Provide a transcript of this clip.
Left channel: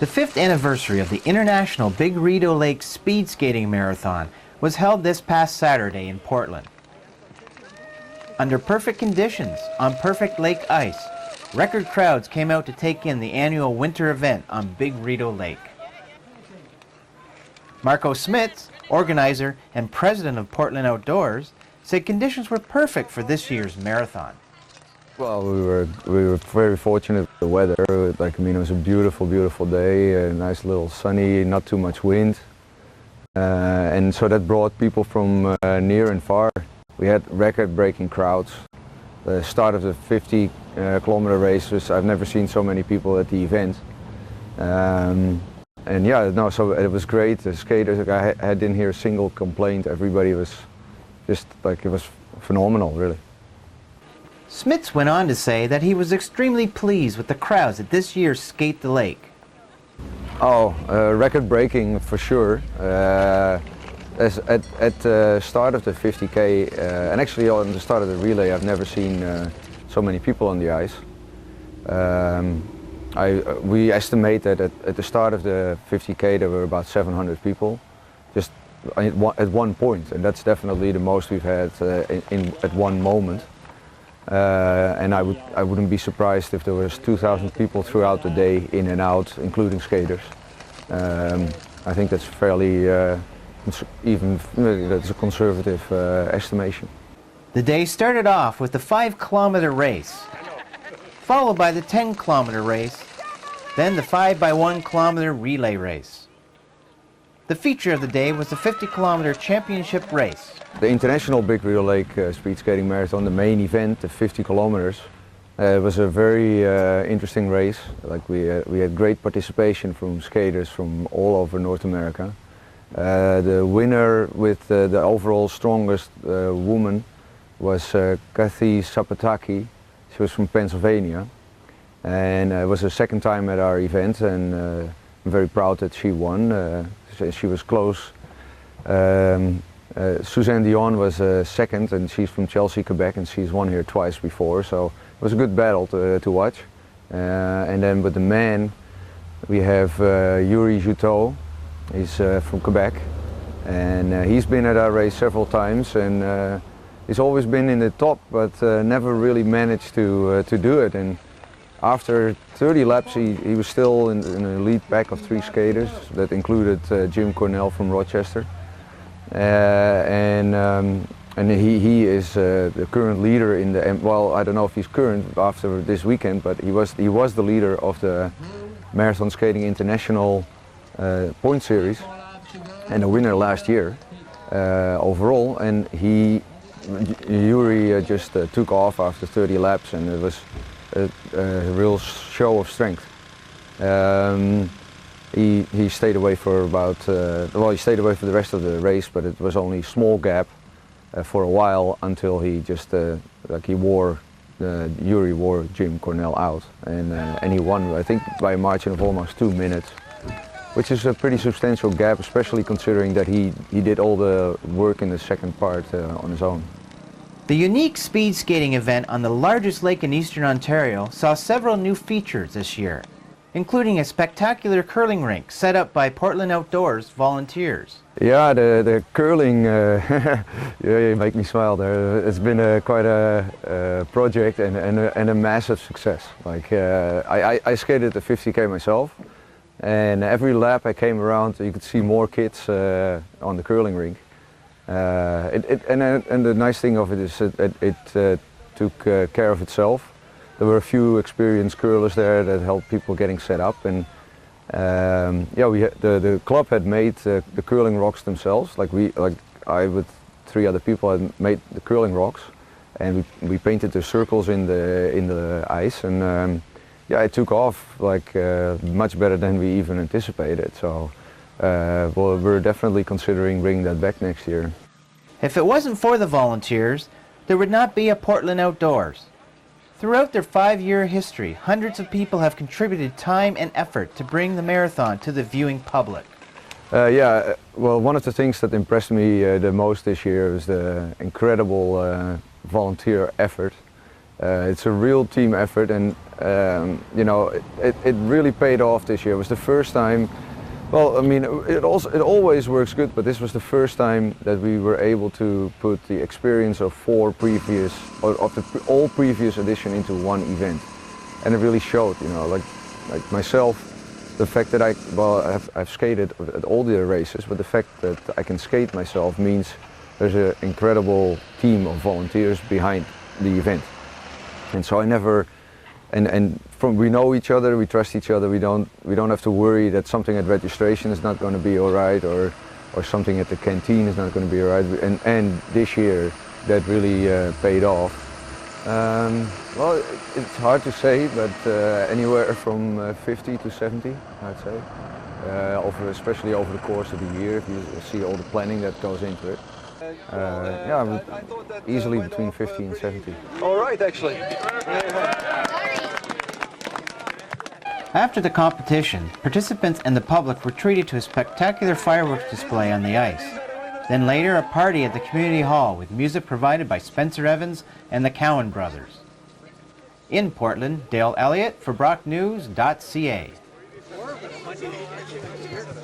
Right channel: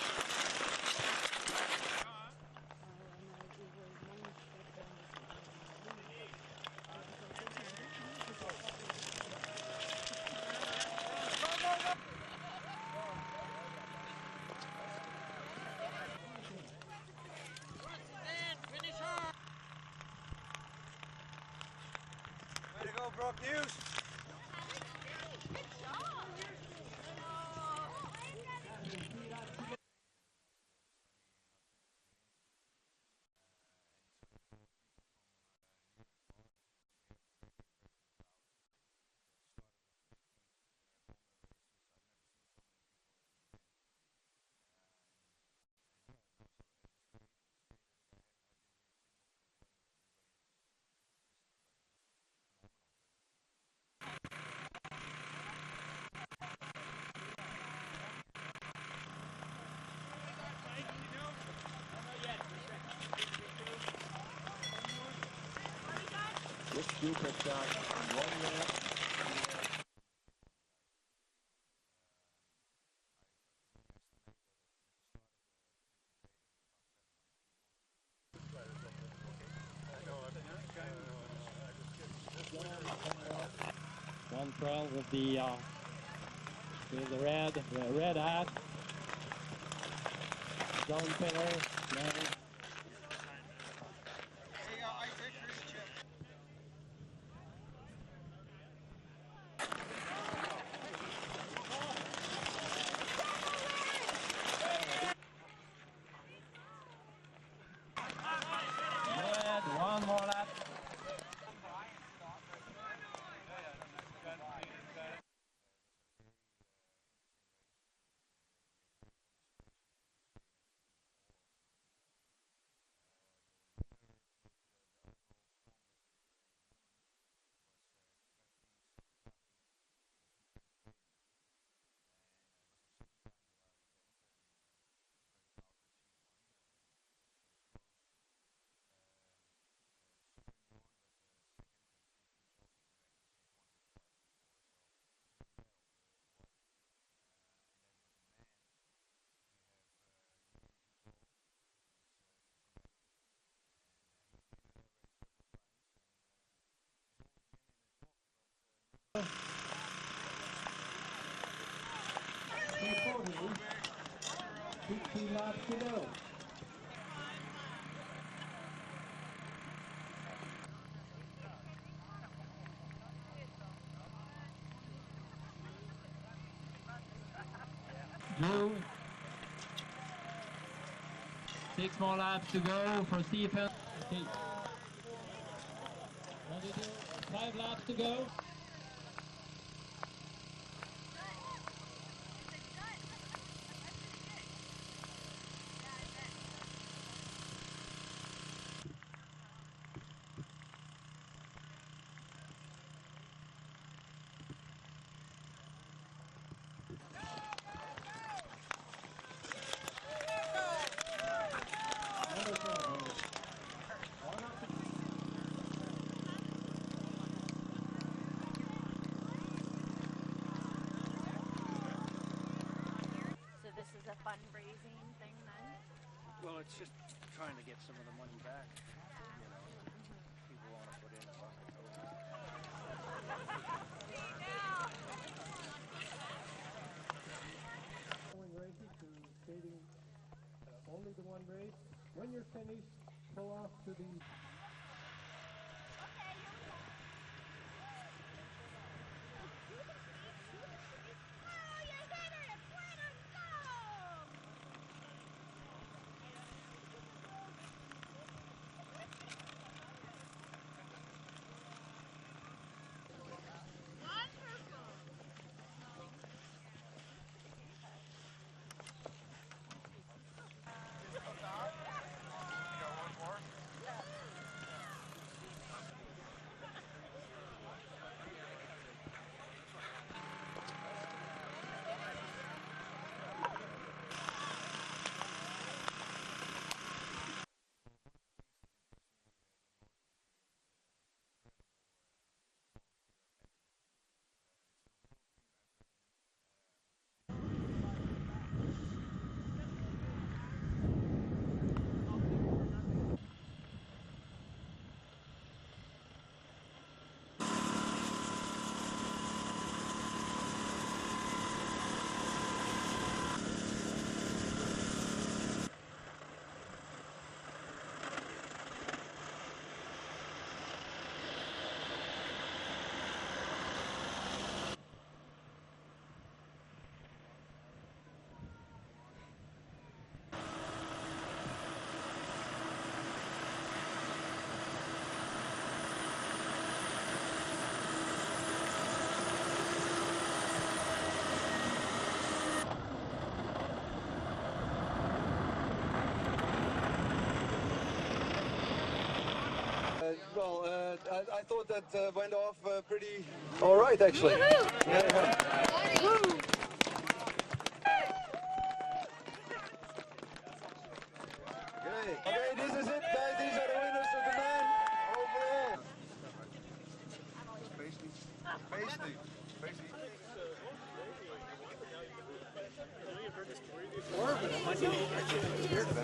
The 5th anniversary of the International Big Rideau Lake Speed Skating Marathon was held this past Saturday in Portland. Under perfect conditions, on perfect lake ice, record crowds came out to take in the annual winter event on Big Rideau Lake. Marco Smits, organizer and president of Portland Outdoors, said conditions were perfect for this year's marathon. Well, we were very fortunate with the weather. It was a beautiful, beautiful day, a nice little sunny, not too much wind. And so that brought people from near and far. We had record-breaking crowds. The start of the 50-kilometer races, I've never seen so many people at the event. And yeah, no, so it was great. The skaters, I didn't hear a single complaint. Everybody was just like, it was phenomenal, really. Smits went on to say that he was extremely pleased with the crowds at this year's Skate the Lake. Oh, record-breaking for sure. At the start of the 50K, and actually on the start of the relay, I've never seen so many people on the ice. We estimate that at the start of the 50K there were about 700 people, just at one point, and that's definitely the most we've had at one moment. And I wouldn't be surprised if there was 2,000 people throughout the day, in and out, including skaters. I think that's fairly, that's a conservative estimation. The day started off with the 5-kilometer race, followed by the 10-kilometer race, then the 5x1-kilometer relay race. The feature of the day was the 50-kilometer championship race. The International Big Rideau Lake Speed Skating Marathon, the main event, the 50 kilometers, was a very interesting race. Like we had great participation from skaters from all over North America. The winner with the overall strongest woman was Kathy Sapataki. She was from Pennsylvania, and it was her second time at our event, and I'm very proud that she won. She was close. Suzanne Dion was second, and she's from Chelsea, Quebec, and she's won here twice before, so it was a good battle to watch. And then with the men, we have Yuri Juteau. He's from Quebec, and he's been at our race several times, and he's always been in the top, but never really managed to do it. And after 30 laps, he was still in the lead pack of 3 skaters. That included Jim Cornell from Rochester. And he is the current leader in the, well, I don't know if he's current after this weekend, but he was the leader of the Marathon Skating International point series and the winner last year overall. And Yuri just took off after 30 laps, and it was a real show of strength. He stayed away for about, he stayed away for the rest of the race, but it was only a small gap for a while until he just, Yuri wore Jim Cornell out, and he won, I think, by a margin of almost 2 minutes, which is a pretty substantial gap, especially considering that he did all the work in the second part on his own. The unique speed skating event on the largest lake in eastern Ontario saw several new features this year, including a spectacular curling rink set up by Portland Outdoors volunteers. Yeah, the curling, yeah, you make me smile there. It's been quite a project and a massive success. Like I skated the 50K myself, and every lap I came around, you could see more kids on the curling rink. And the nice thing of it is that it took care of itself. There were a few experienced curlers there that helped people getting set up, and yeah, the club had made the curling rocks themselves. I with 3 other people had made the curling rocks, and we painted the circles in the ice, and yeah, it took off much better than we even anticipated. So well, we're definitely considering bringing that back next year. If it wasn't for the volunteers, there would not be a Portland Outdoors. Throughout their 5-year history, hundreds of people have contributed time and effort to bring the marathon to the viewing public. Yeah, well, one of the things that impressed me the most this year was the incredible volunteer effort. It's a real team effort, and you know, it really paid off this year. It was the first time. Well, I mean, it always works good, but this was the first time that we were able to put the experience of all previous edition into one event, and it really showed. You know, like myself, the fact that I've skated at all the races, but the fact that I can skate myself means there's an incredible team of volunteers behind the event. And so I never, we know each other, we trust each other. We don't have to worry that something at registration is not going to be all right, or something at the canteen is not going to be all right. And this year that really paid off. Well, it's hard to say, but anywhere from 50 to 70, I'd say. Especially over the course of the year, you see all the planning that goes into it. Yeah, easily between 50 and 70. All right, actually. After the competition, participants and the public were treated to a spectacular fireworks display on the ice. Then later, a party at the community hall with music provided by Spencer Evans and the Cowan brothers. In Portland, Dale Elliott for BrockNews.ca.